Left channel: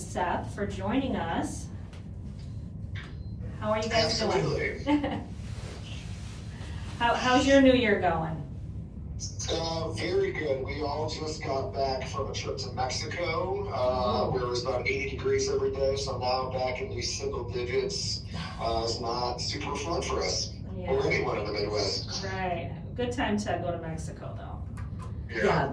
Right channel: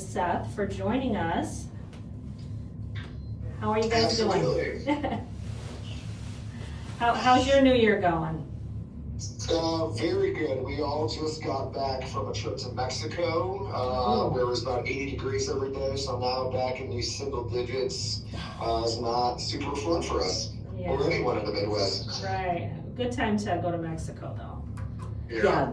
Seth for joining us. How are you guys doing? How's your new year going? Very good. We all just got back from a trip to Mexico, where it was about 80 degrees every day, so now back in these single digits is not super fun for us, or anyone in the Midwest. Right. Good time to go to Mexico, though. Yeah,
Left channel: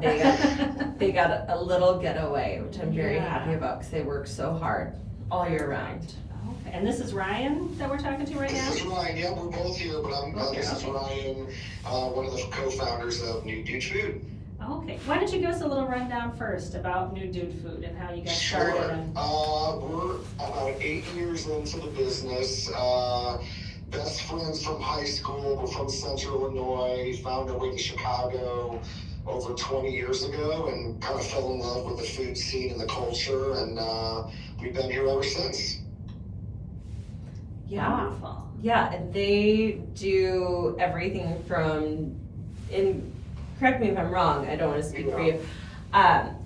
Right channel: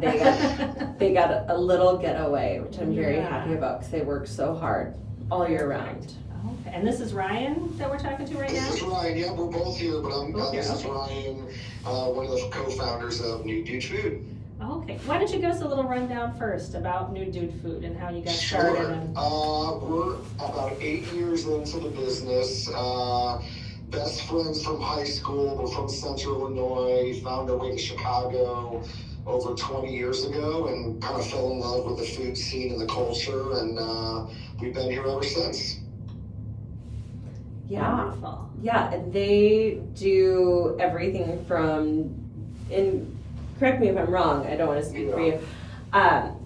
they got a little getaway, which I'm very happy about, because they work so hard all year round. Okay. And this is Ryan that we're talking to right now? This is Ryan. Yeah, we're both here, but this is Ryan, one of the co-founders of Nude Food. Okay. Why don't you give us a little rundown first about Nude Food and how you got started? We're about 8 years into the business. Best friends from high school. We're from Central Illinois. Found our way to Chicago over 20 years ago and kind of fell in love with the food scene and the culture, and we've been here ever since. Yeah. Wonderful. Yeah, they do everything from, and correct me if I'm wrong, I don't want to speak for you,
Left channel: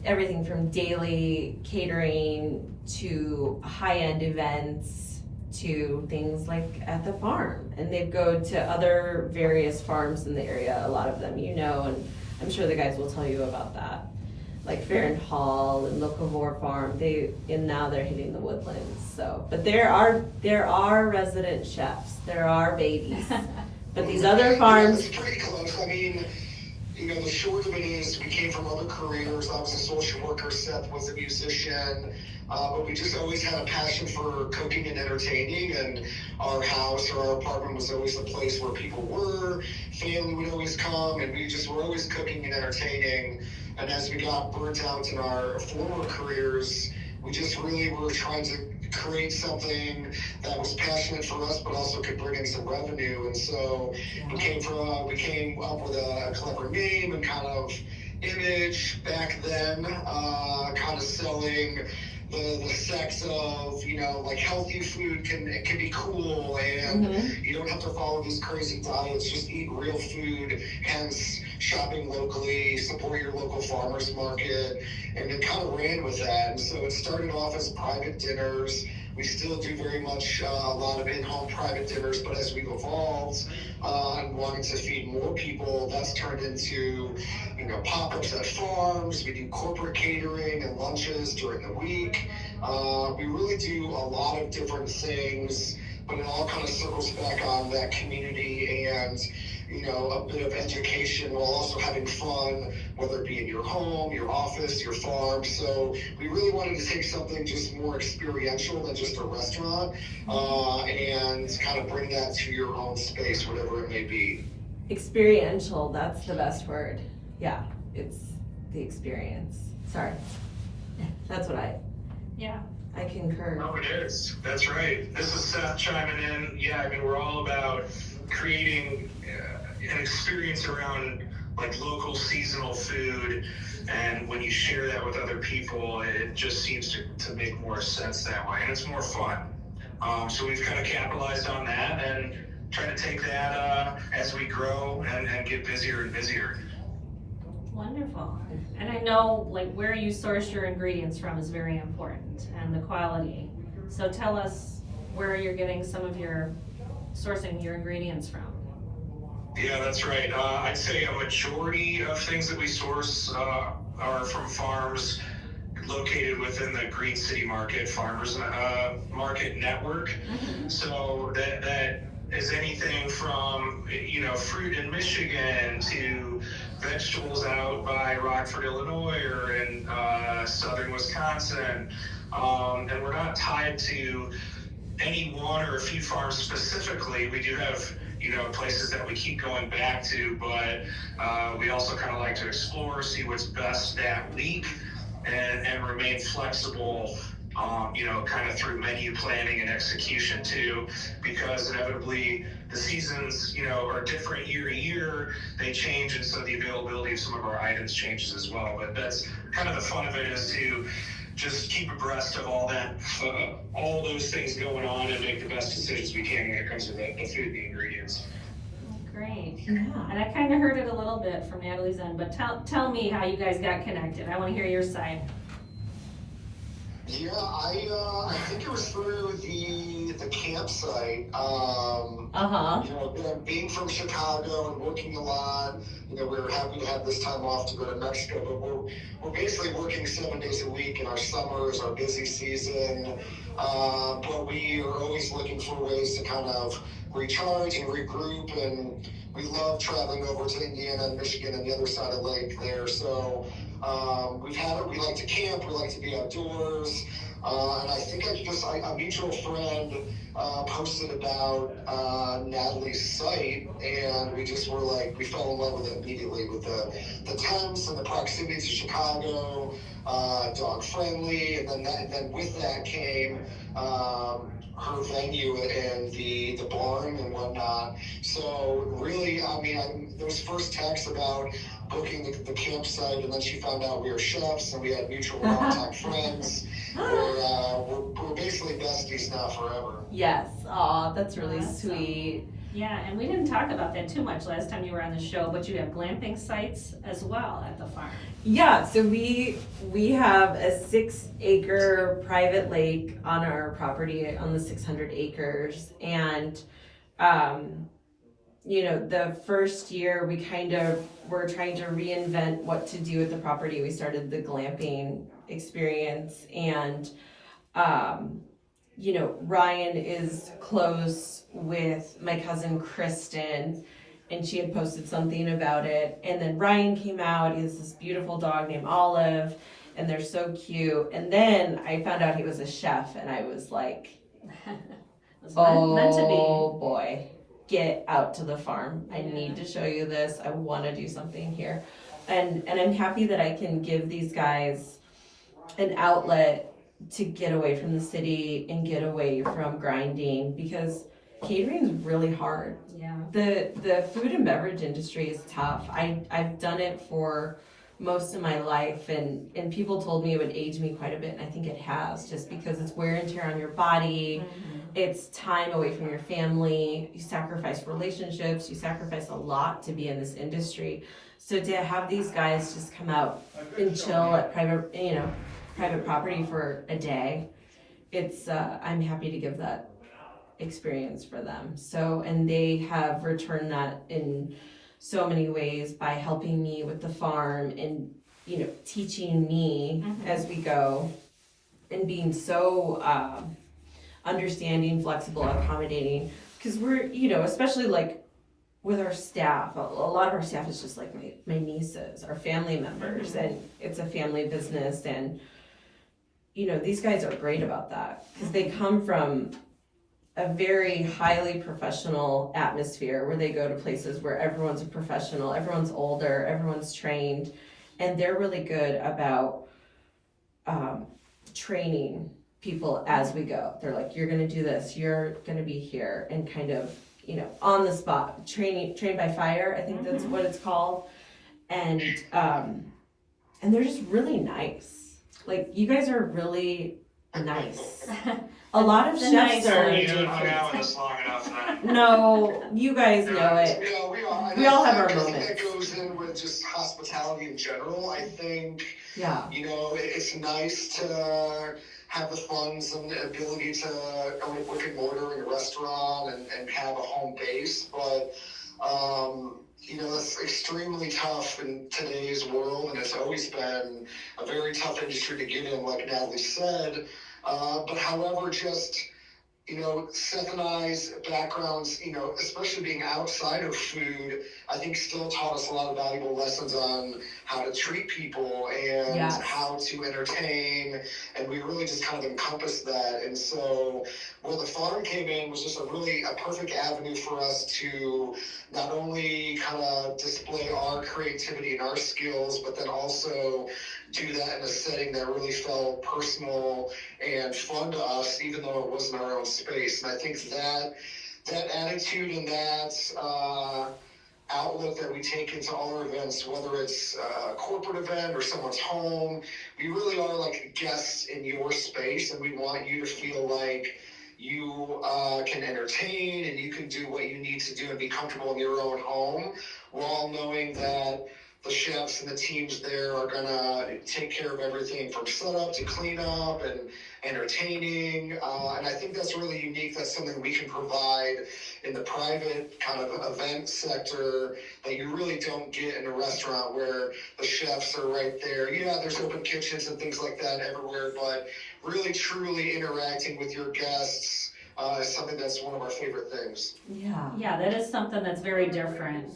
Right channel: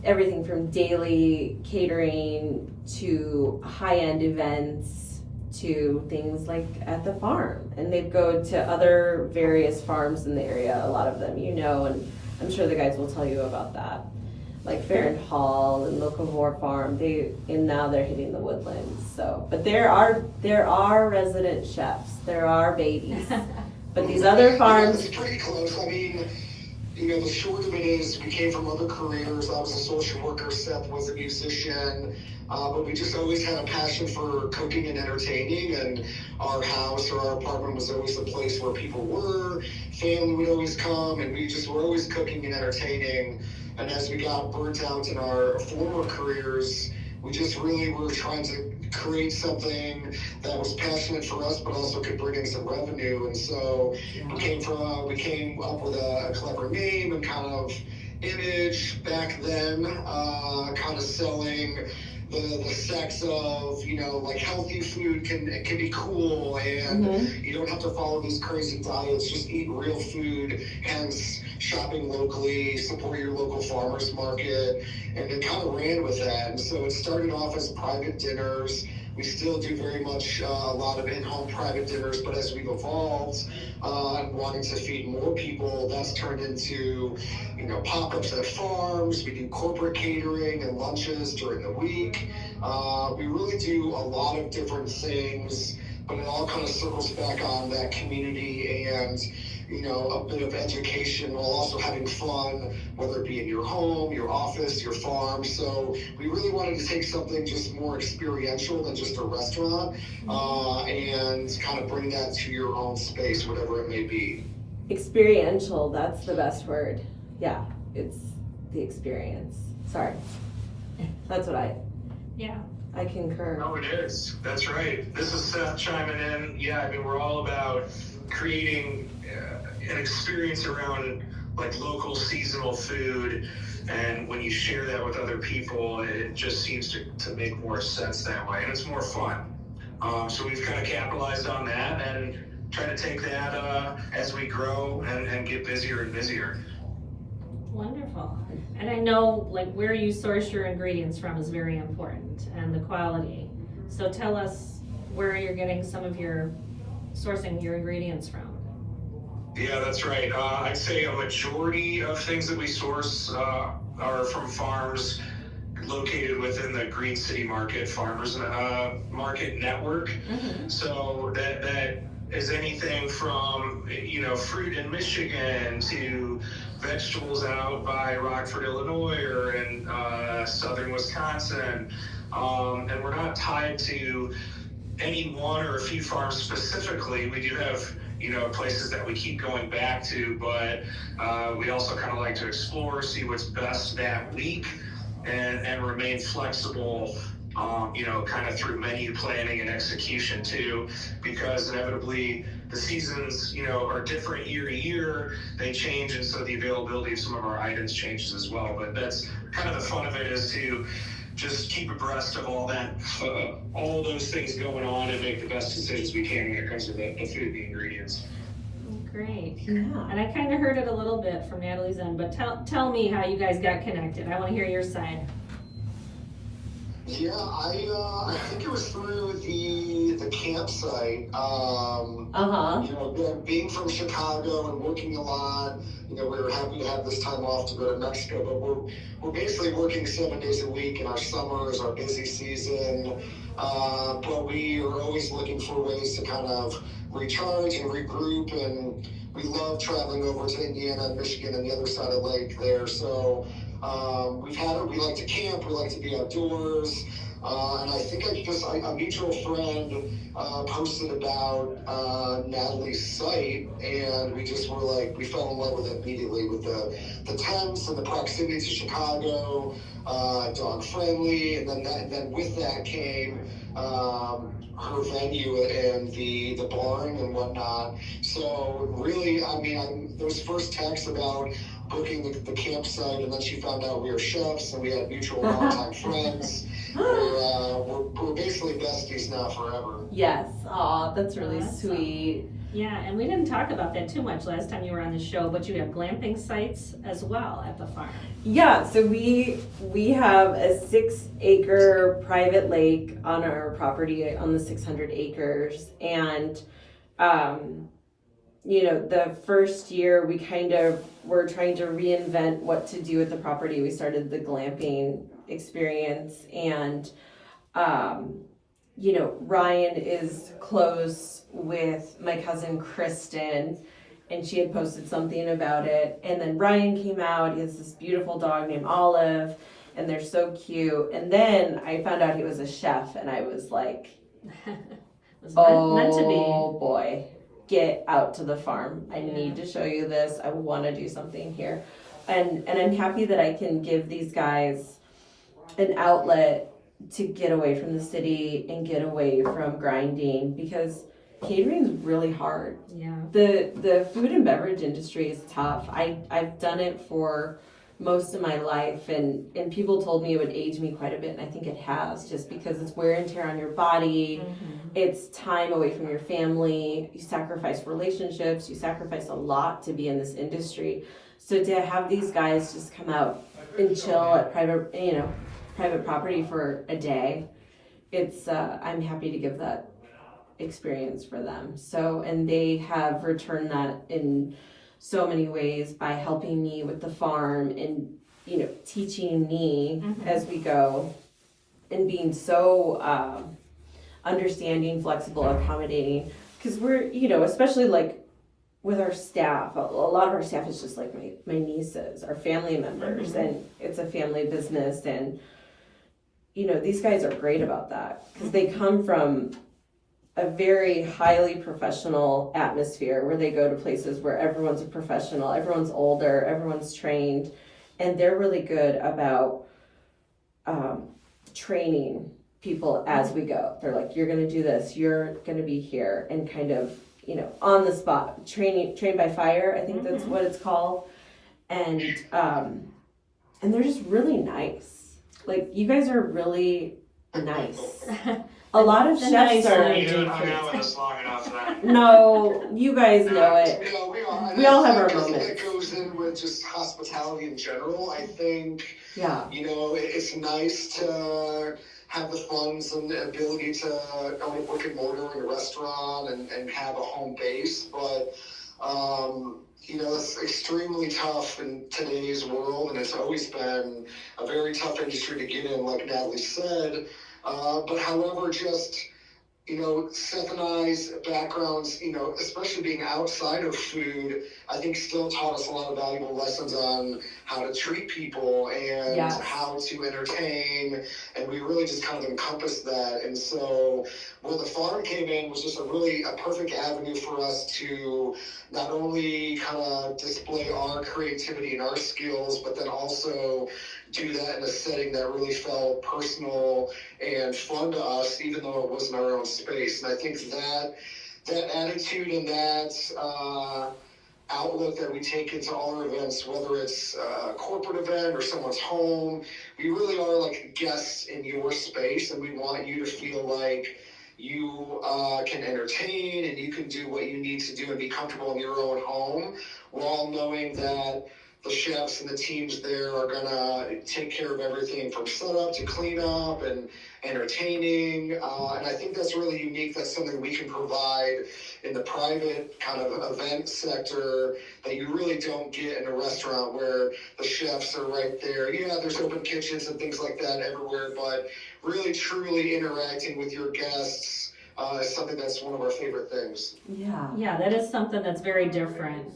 everything from daily catering to high-end events to things like at the farm. And they go to other various farms in the area, a lot of them you know, and I'm sure the guys will tell you about that. Like Fair and Hall and Locavore Farm, now they're hitting the Woodlands. So, but there are resident chefs, there are babies, but these other farms. It's pretty close. I mean, the short of it is we came from other careers. I was a social worker, Seth was a musician, but we just always had a passion for cooking and entertaining, and our house or our apartment was always the place where people were. Family would always come, and we just were always cooking and entertaining. And as we got burnt out in our former careers, we just really were trying to create something that was passionate for us, but also could bring in some revenue. And so we came up with a clever name and kind of image back then, kind of selling the sex of, like healthy food can be cool, and you don't have to follow these crazy diets, just eat real food, hence shopping locally, support your local farmers market, and it kind of ran with that. And so it started off as private dinners. We still do very much a lot of in-home private dinners, but as we've evolved and wanting to feed more people, that's turned into, pop-ups at farms. We do corporate catering and lunches during the week. We really do a lot of different things, but it all kind of circles back on that community and a bit of education while also having fun, whether it be in your home, your office, your farm. So we really wanted to take something just more experiential than just a restaurant, and kind of bring that to your own space, whatever it may be. Experiential, that's the best word. Yeah, it's the experience. Sorry. That's what I concur. Oh, it is. That's right. This is Seth chiming in. Yeah, we're all about creating an experience around like local seasonal food, and when you share that with other people, it just seems to make more sense that way, and it's more fun. So we've kind of capitalized on that and try to take that as we grow and get busier and busier. Wonderful. And I know where you source your ingredients from is very important, and the quality. So tell us where you're getting sourcing your ingredients from. Yeah, that's right. I'd say a majority of things that we source are from farms located within the Green City Market Farmers Market Network. So that is anything from fruit in Michigan to vegetables out by Rockford, Illinois, or in southern Wisconsin. And we're not tied to any one or a few farms specifically. We do have places that we keep going back to, but we also kind of like to explore, see what's best that week, and remain flexible, kind of through menu planning and execution too, because inevitably the seasons, are different year to year. They change, and so the availability of some of our items changes as well. But that's kind of the fun of it, is to just keep abreast of all that, all those things going on, and make the best decisions we can when it comes to the food and the ingredients. Great. Yeah. And I kind of heard it a little bit from Natalie's end, but tell me how you guys got connected. I want to hear your side. Yeah, I think it was through the campsite. Being from Chicago and working a lot, we were happy to have this time off to go to Mexico. But we're basically working 7 days a week, and our summer is our busy season. But we are always looking for ways to kind of recharge and regroup, and we love traveling over to Indiana and Michigan and the other side of the lake there. So we like to camp, we like to be outdoors. And I think a mutual friend posted about Natalie's site, and we just were like, we fell in love with it immediately with the tents and the proximity to Chicago, dog friendly, and then with that came her venue and the barn and whatnot. So really, I mean, those first texts about booking the campsite, and then she found out we were chefs and we had mutual longtime friends. We're basically besties now forever. Yes. Aw, that's really Awesome. sweet. Yeah, and we didn't talk about that too much last time you were on the show, but you have glamping sites as well at the farm. Yeah, so we have a 6-acre private lake on our property on the 600 acres, and the first year we kind of were trying to reinvent what to do with the property. We started the glamping experience, and Ryan is close with my cousin Kristen, and she had posted something about it, and then Ryan came out. He has this beautiful dog named Olive, and they're so cute. And then I found out he was a chef, and I was like, It was meant to be. oh boy, get out to the farm. I need to show you this. I want to do something here. And I'm happy that I can give these guys an outlet to get away from the city and get away from grinding, because catering is really hard. Yeah. The food and beverage industry is tough. I've done it for most of my life, and people told me it would age me quite a bit, and I think it has, just because it's wear and tear on your body. It's time away from your family. You sacrifice relationships. You sacrifice a lot to be in this industry. So to have these guys just come out and chill at private property for a day, it's I'm happy to give that experience for them. So, and they have returned that in so many ways by helping me with the farm and teaching me as we go, and being so understanding, flexible, accommodating, because we're especially like with our staff, a lot of our staff is just like my nieces, our family members, and it's a family business, and these guys are great about that, because they come from a very highly professional atmosphere where they go to places where everyone's a professional, everyone's older, everyone's trained, and they're really good about training people as we go. They're like, you're gonna do this, you're gonna be here, and kind of on the spot train by fire, I think that's what it's called. And they're just really nice. Like, you guys are really nice. A lot of chefs are. You hung out with us long enough then. No, you guys know it. Yeah, we are. We all have our I think moments. that goes in with just hospitality in general. I think, Yeah. it's nice to have the funds and the ability to own a brick and mortar in a restaurant and have a home base, but it's extremely tough in today's world, and it's always been a very tough industry to get in, like Natalie said. But however, just, Seth and I's backgrounds, especially being outside of food, I think still taught us a lot of valuable lessons on how to treat people and how to entertain, and we really just kind of encompassed that. And so where the farm came in was just a perfect avenue for us to not only kind of display our creativity and our skills, but then also do that in a setting that really felt personal and fun to us, even though it wasn't our own space. And I think that attitude and that outlook that we take into all our events, whether it's a corporate event or someone's home, we really are like guests in your space, and we want you to feel like you can entertain and you can do what you need to do and be comfortable in your own home, while knowing that the chefs and the teams there are gonna take care of everything from setup to cleanup and entertaining. And I think that's really unique. That's something we can provide in the private kind of event sector that you really don't get in a restaurant where the chefs are right there. Yeah, there's open kitchens and things like that everywhere, but really truly interacting with your guests is something that's one of our favorite things. Yeah, that is something that's very different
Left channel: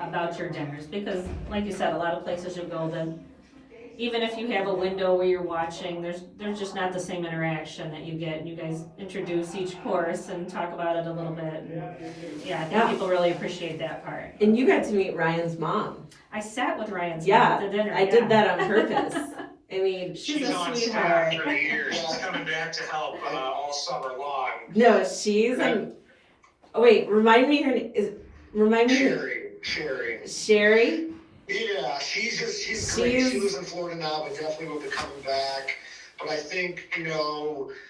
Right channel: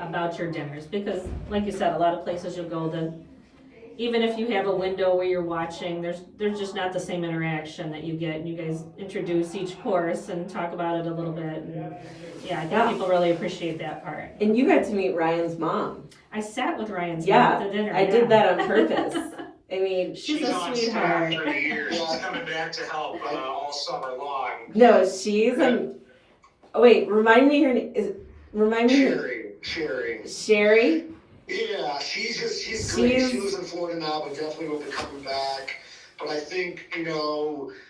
about your dinners, because like you said, a lot of places you'll go to, even if you have a window where you're watching, there's just not the same interaction that you get, and you guys introduce each course and talk about it a little bit, and yeah, I think people really appreciate that part. And you got to meet Ryan's mom. I sat with Ryan's mom at the dinner. I did that on purpose. I mean, she's a on sweetheart. staff for the year. She's coming back to help all summer long. no, she's oh wait, remind me her name. Remind me her Sherry. Sherry. Yeah, she's great. She lives in Florida now, but definitely will be coming back. But I think,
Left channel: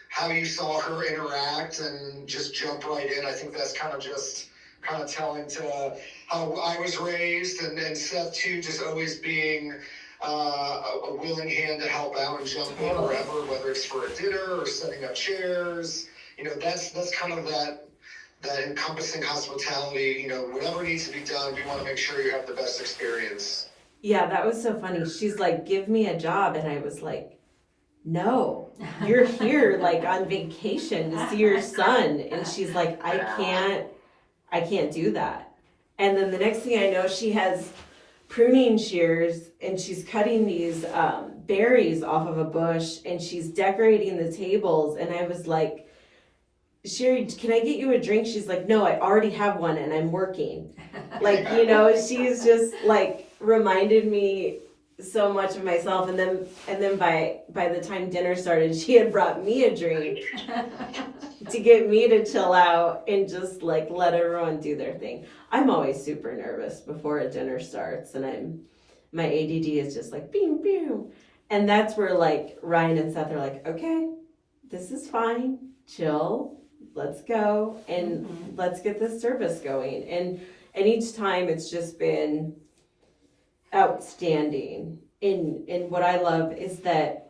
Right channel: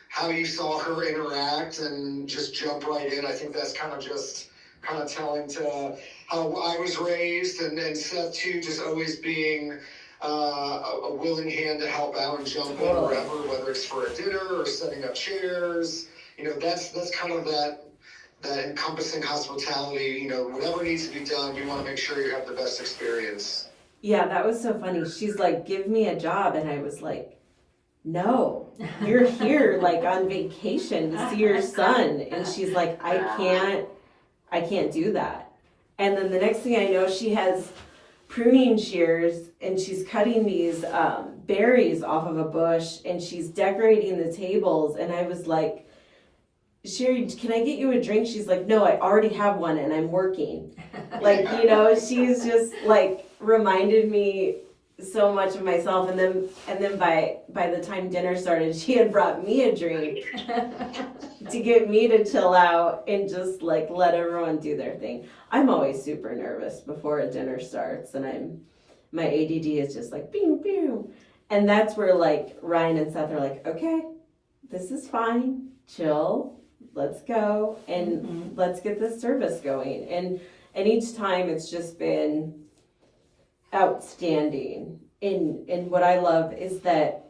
how you saw her interact and just jump right in, I think that's kind of telling to how I was raised, and Seth too, just always being a willing hand to help out and jump in wherever, whether it's for a dinner or setting up chairs. That's kind of that encompassing hospitality. Whatever needs to be done, we want to make sure you have the best experience. Yeah, that was so funny. She's like, give me a job. And I was like, no, you're here like on vacation to see your son. And she's like, I can't do that. And then the next thing I know, she has pruning shears and she's cutting these berries off of a bush and she's decorating the tables. And I was like, Sherry, can I get you a drink? She's like, no, I already have one and I'm working. Like, she's just like reminded me so much of myself. And then by the time dinner started, she had brought me a drink to get me to chill out and just like let everyone do their thing. I'm always super nervous before a dinner starts, and my ADD is just like bing bing. And that's where like Ryan and Seth are like, okay, this is fine, chill. Let's go and let's get this service going. And each time it's just been outstanding. And what I love is that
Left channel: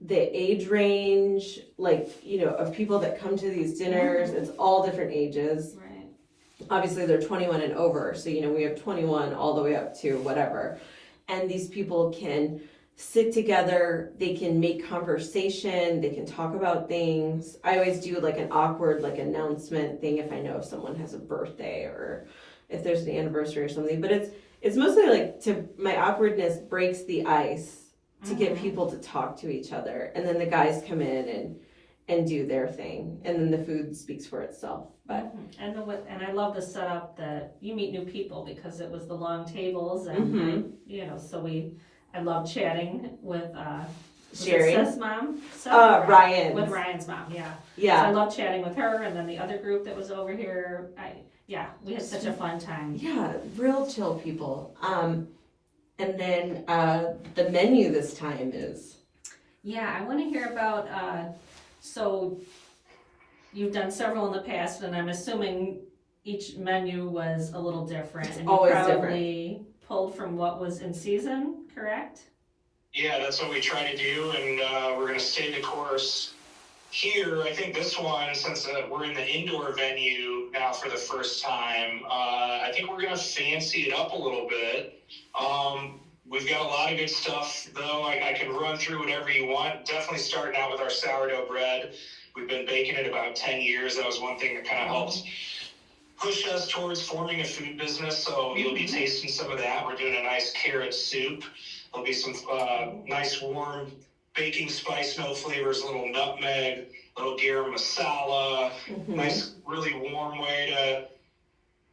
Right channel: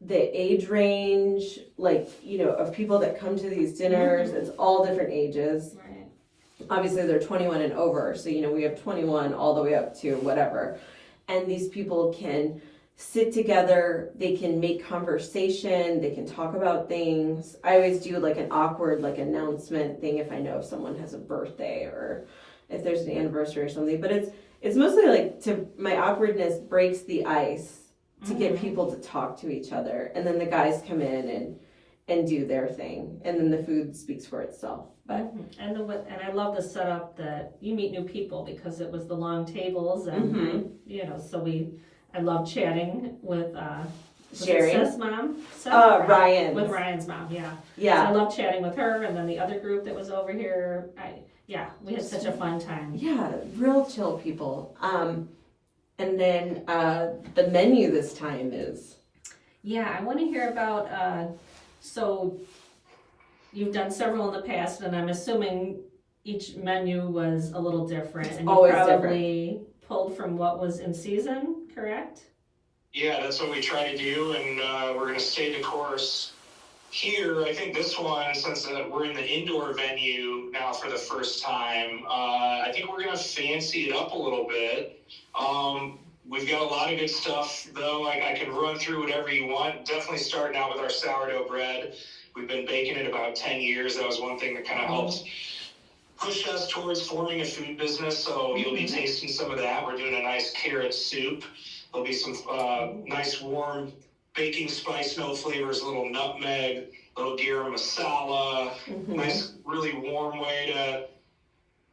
the age range, like, of people that come to these dinners, it's all different ages. Right. Obviously they're 21 and over. So, we have 21 all the way up to whatever. And these people can sit together, they can make conversation, they can talk about things. I always do like an awkward like announcement thing if I know if someone has a birthday or if there's an anniversary or something. But it's mostly like my awkwardness breaks the ice to get people to talk to each other. And then the guys come in and do their thing. And then the food speaks for itself. But and I love the setup that you meet new people, because it was the long tables and I love chatting with Sherry. Seth's mom? Ryan's. With Ryan's mom, yeah. yeah. So I love chatting with her, and then the other group that was over here. We had such a fun time. Yeah, real chill people. And then the menu this time is. Yeah, I want to hear about. So you've done several in the past, and I'm assuming each menu was a little different. It's and you always probably pulled from what was in season, correct? Yeah, that's what we try to do, and we're going to stay the course. Here, I think this one, since we're in the indoor venue now for the first time, I think we're going to fancy it up a little bit. We've got a lot of good stuff, though. I can run through whatever you want. Definitely starting out with our sourdough bread. We've been baking it about 10 years. That was one thing that kind of helped push us towards forming a food business, so you'll be tasting some of that. We're doing a nice carrot soup. There'll be some nice warm baking spice note flavors, a little nutmeg, a little garam masala, nice really warm way to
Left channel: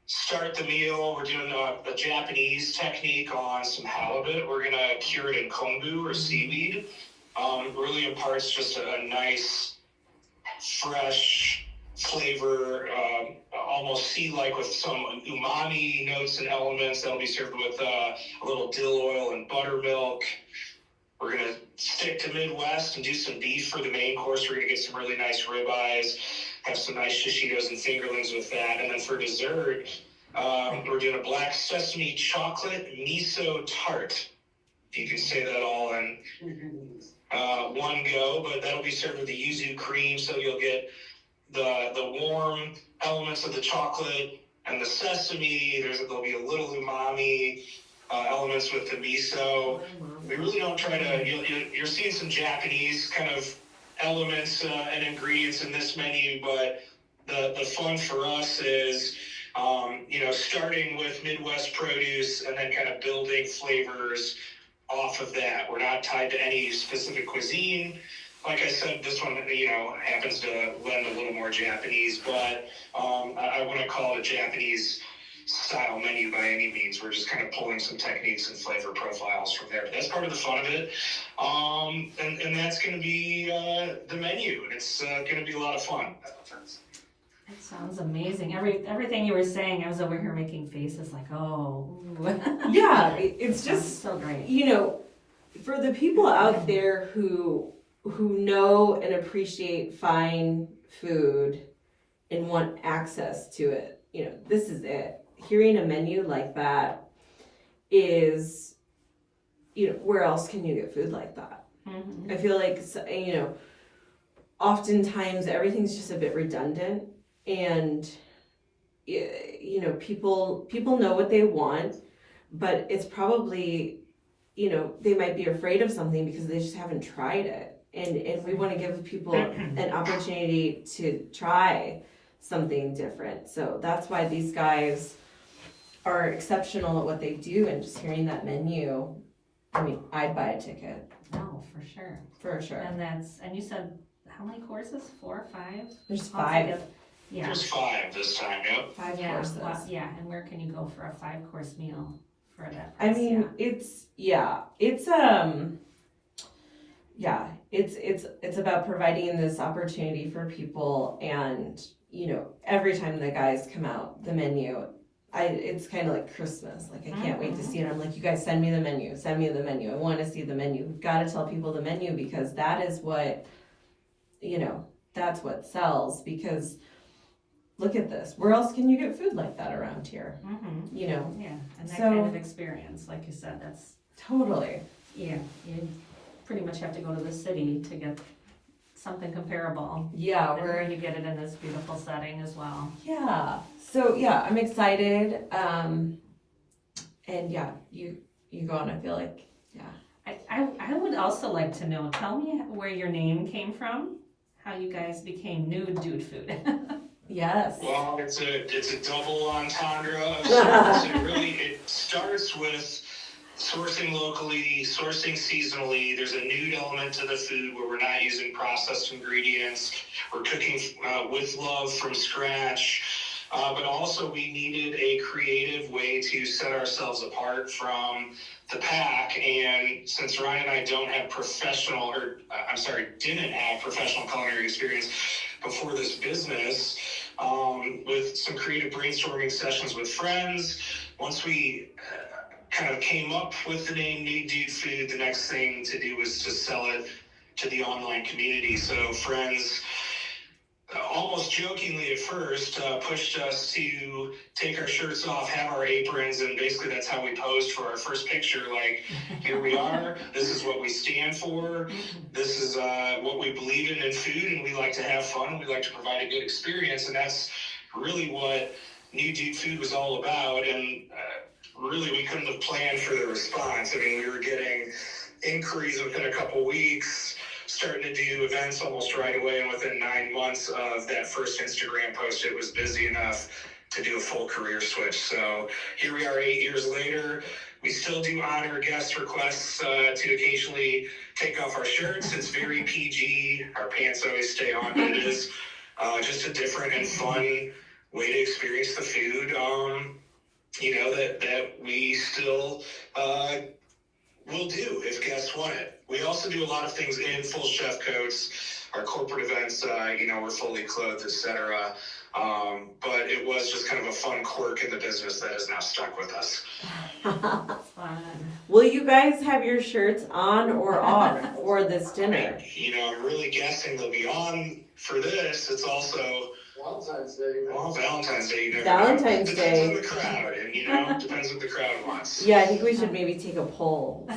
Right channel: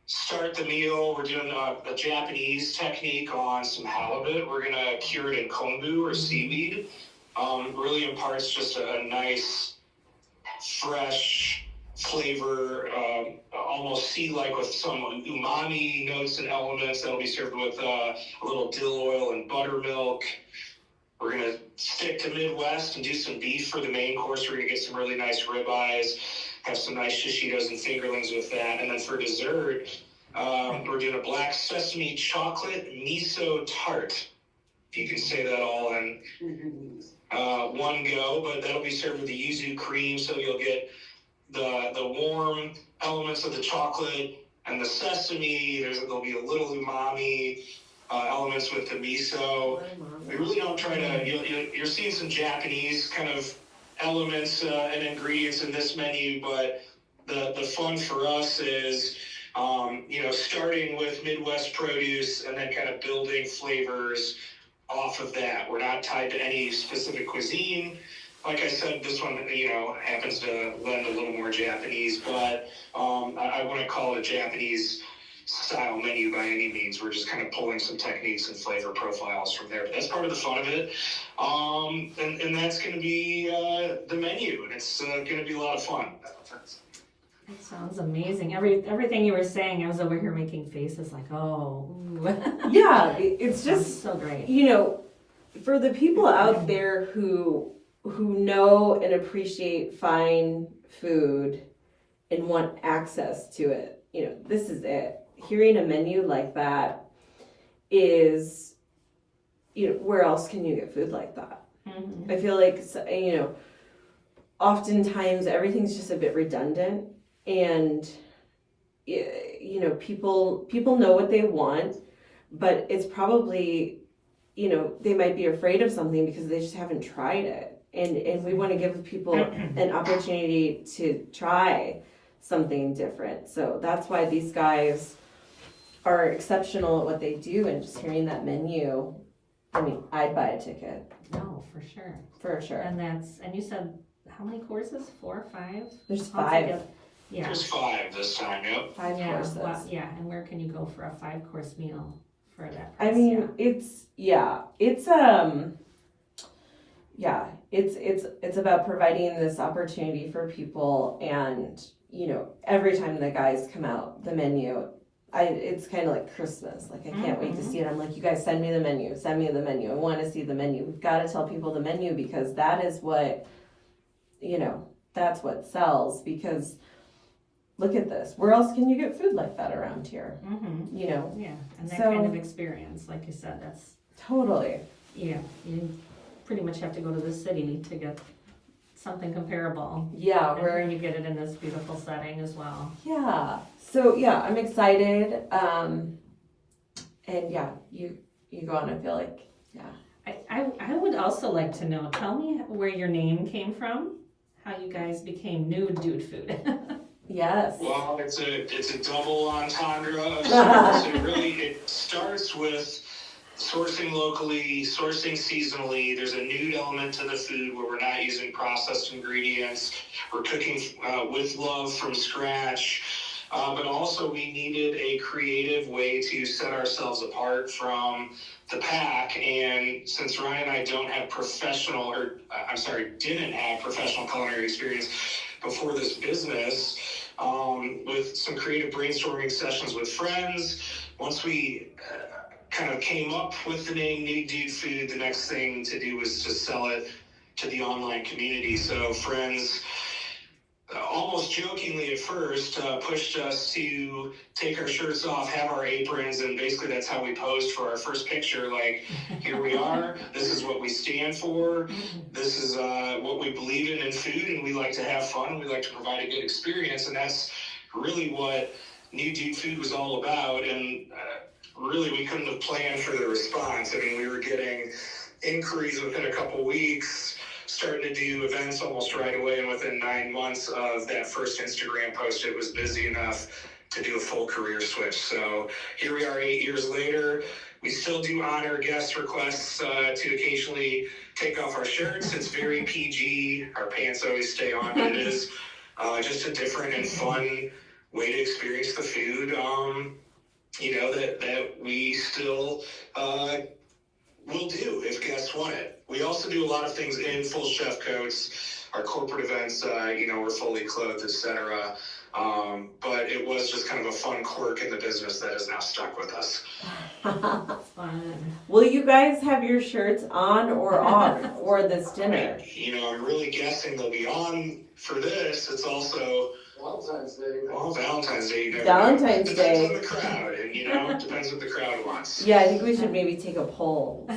start the meal. We're doing a Japanese technique on some halibut. We're gonna cure it in kombu or seaweed. Really imparts just a nice, fresh flavor, almost sea-like with some umami notes and elements. That'll be served with a little dill oil and buttermilk. We're going to stick to Midwest and do some beef for the main course. We're going to get some really nice ribeyes, have some nice shishitos and fingerlings with that. And then for dessert, We're doing a black sesame chocolate miso tart. If you can say that all in one go, but that'll be served with the yuzu cream, so you'll get the warm elements of the chocolate and the sesame. There'll be a little umami elements with the miso. We really don't try to. You're seeing some Japanese kind of elements and ingredients in this menu, but the fun for us is starting with Midwest produce and then kind of building flavors off of that. We're not tied to any specific cuisine. Like I said, this one, happens to lend a little more Japanese, but I wouldn't call it a Japanese style menu by any means. We're just kind of pulling some techniques and flavor profiles from there. But that's part of the fun of it. And that's going to be the menu, and it's going to be a lot of fun. That sounds amazing. Everything you were saying, I was over here making faces like, oh. Yeah, it's just so great. For the people out there who know and appreciate fine food and want access to it, this is it. Hearing a menu like that is, where else can you get food like that? Mm-hmm. I feel like, oftentimes everything's just a bit redundant, and people know what they want, but it's probably, they might be afraid of something because they just haven't tried it, and we want to give people an opportunity to try something different. So that's why these guys are exceptional at what they do, and just hearing that menu, I'd buy a ticket. No, for sure. For sure. And you said how many courses? 4 or 5? There's 5. Altogether? Yeah. There's 5 this time, yep. 5 Yeah, courses. well, yeah, and where can you go for a 5-course meal for that I price? mean, it's about providing this opportunity for people, and every time the guys come out, the menu, it's kind of like Christmas. Like, I can't wait to see it. I'm like, you guys send me the menu. I want to see the menu. We've got to tell people the menu, because that is what, that's what sells. Because look at this. Where else can you get food like that around here? Mm-hmm. Yeah, and that So- kind of experience, like you said, that's, Totally. yeah, you pretty much have to go to the city to get something comparable. Yeah, And you get it in this beautiful setting as well. Yeah. So I'm excited. And yeah, you go on. I feel like I would also like to know, tell me where your name came from, how you guys became Nude Dude Food. yes. Well, it's a double entendre of sorts. It starts with sourcing locally, sourcing seasonally. There's a nude element to the food where we're not using processed ingredients. We're cooking with love from scratch. But also we needed a creative way to set ourselves apart from the pack. And since Ryan and I didn't have professional culinary experience before this business, with some creative brainstorming sessions with friends, once we kind of came up with the name Nude Dude Food, the next thing to do was to sell it to the online community. So friends, almost jokingly at first, pushed us to take our shirts off, have our aprons, and basically that's how we posed for our first picture. Like, here we are, this is what we stand for, this is what we believe in food, and we like to have fun, and we like to provide a good experience, and that's really what Nude Dude Food was all about. And really, we couldn't have planned for the response. I mean, we were getting inquiries within a couple weeks, starting to do events almost right away, and within 9 months of that first Instagram post, it was busy enough to do a full career switch. So here we are 8 years later. We still do honor guest requests to occasionally take off our shirts. It's very PG. Our pants always stay on, but it is just a different and fun way to experience the food. That we still will do if guests want it. We also do a lot of things in full chef coats. Our corporate events, we're fully clothed, etc. But it was just kind of a fun quirk in the business that is now stuck with us. Fun. Will you guys have your shirts on or off for this dinner? I'm really guessing they'll be on for this. It's also Valentine's Day. Well, Valentine's Day, you never Valentine's know. Day. Depends on the crowd, and depends what the crowd wants. Yeah, I think we should maybe take a poll.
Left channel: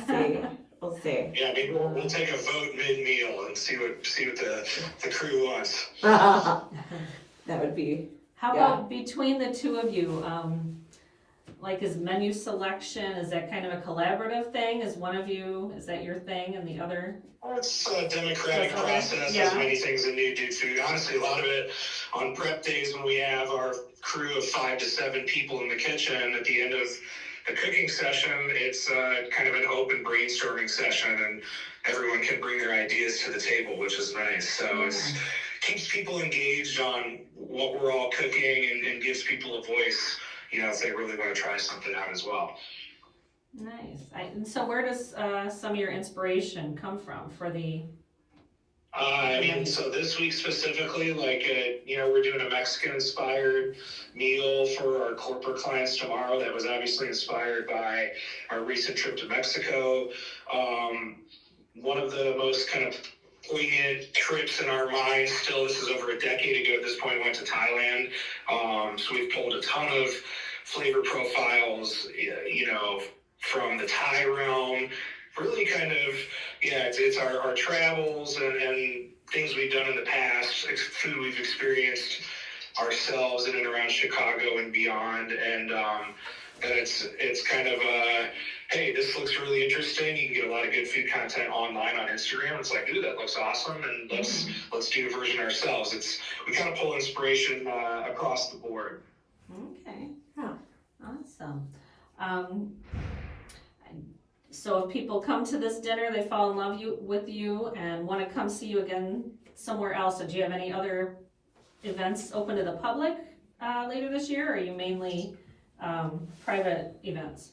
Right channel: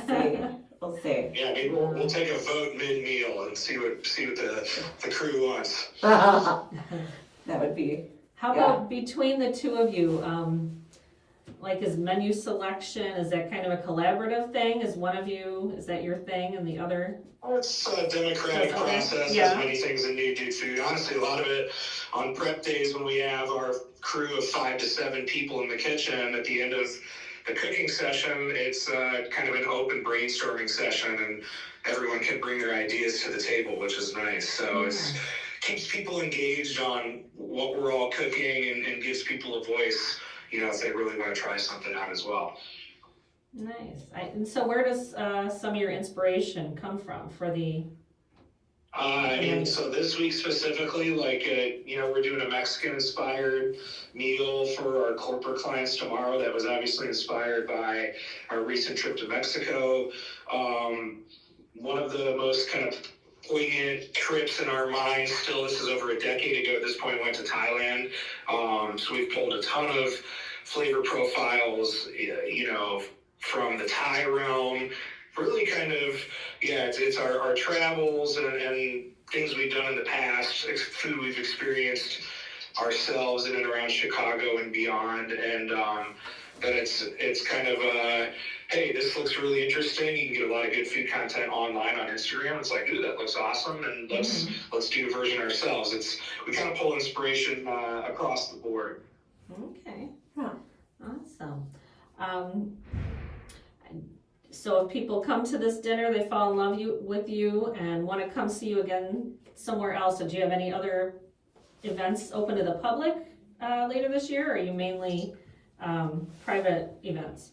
We'll see. Yeah, maybe we'll take a vote mid-meal and see what the crew wants. That would be. How about between the two of you, like is menu selection, is that kind of a collaborative thing? Is that your thing and the other? It's a democratic process, as many things in Nude food. Honestly, a lot of it on prep days when we have our crew of 5 to 7 people in the kitchen at the end of the cooking session, it's kind of an open brainstorming session, and everyone can bring their ideas to the table, which is nice. So it keeps people engaged on what we're all cooking and gives people a voice, if they really want to try something out as well. Nice. And so where does some of your inspiration come from for the... So this week specifically, we're doing a Mexican-inspired meal for our corporate clients tomorrow that was obviously inspired by our recent trip to Mexico. One of the most kind of poignant trips in our minds still, this is over a decade ago at this point, went to Thailand. So we've pulled a ton of flavor profiles, from the Thai realm. Really kind of, it's our travels and things we've done in the past, food we've experienced ourselves in and around Chicago and beyond. And then it's kind of, hey, this looks really interesting. You can get a lot of good food content online on Instagram. It's like, ooh, that looks awesome, and let's do a version ourselves. We kind of pull inspiration across the board. Okay, awesome. So if people come to this dinner, they fall in love with you and want to come see you again somewhere else, so do you have any other events open to the public later this year, or are you mainly private events?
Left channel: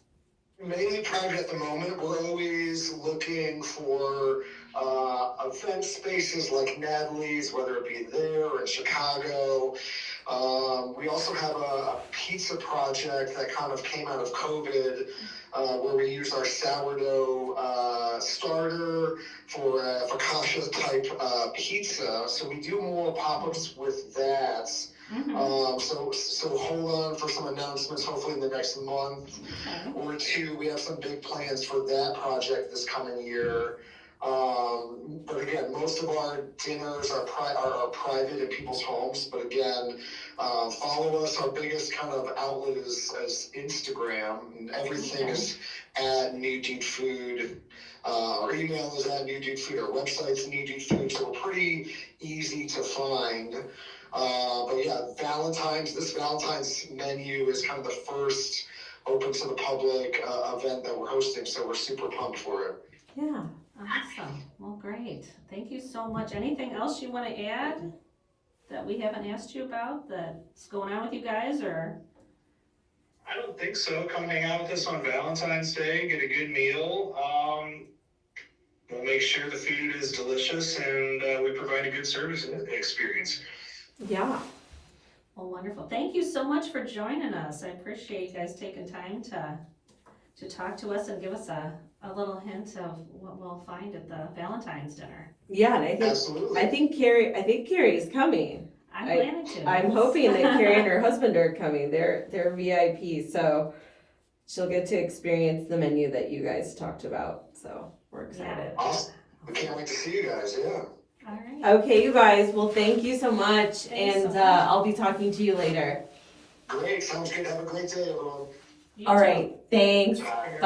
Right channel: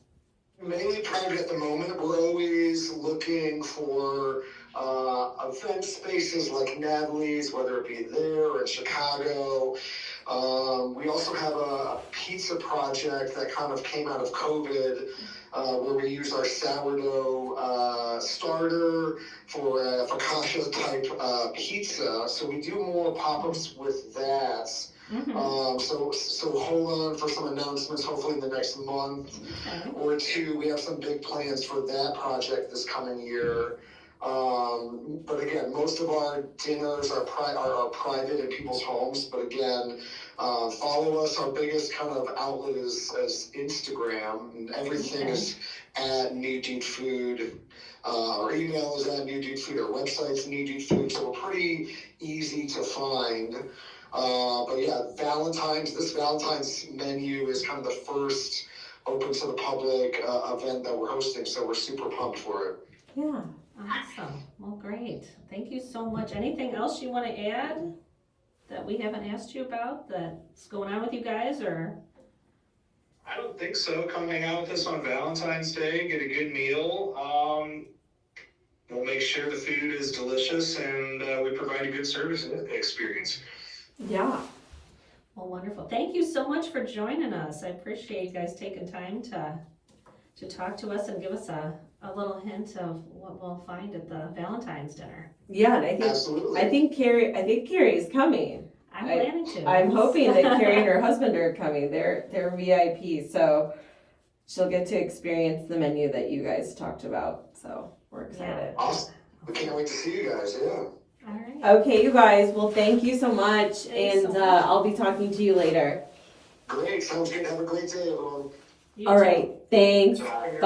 Mainly private at the moment. We're always looking for event spaces like Natalie's, whether it be there or in Chicago. We also have a pizza project that kind of came out of COVID, where we use our sourdough starter for a focaccia type pizza. So we do more pop-ups with that. So hold on for some announcements, hopefully in the next month or two. We have some big plans for that project this coming year. But again, most of our dinners are private in people's homes. But again, follow us. Our biggest kind of outlet is Instagram, and everything is at Nude Food. Our email is at Nude Food. Our website's Nude Food. So we're pretty easy to find. But yeah, this Valentine's menu is kind of the first open to the public event that we're hosting. So we're super pumped for it. Yeah. Awesome. Well, great. Thank you so much. Anything else you want to add that we haven't asked you about that's going on with you guys, or? I don't think so. Come hang out with us on Valentine's Day, get a good meal. We'll make sure the food is delicious and we provide a good service experience. Yeah. Well, wonderful. Thank you so much for joining us. I appreciate you guys taking time to talk to us and give us a little hint of what we'll find at the Valentine's dinner. Yeah, and I think Carrie's coming. I'm planning to. I'm hoping that Carrie and her husband are coming. They're VIP, so she'll get to experience the menu that you guys talked about. So we're excited. Yeah. Awesome. We can't wait to see you guys. Yeah. All right. Okay, you guys. Well, thank you so much, Thanks and so much. I'll be talking to you later. Great. Sounds good. Have a great day, everyone. You All too. right. Thanks. Bye.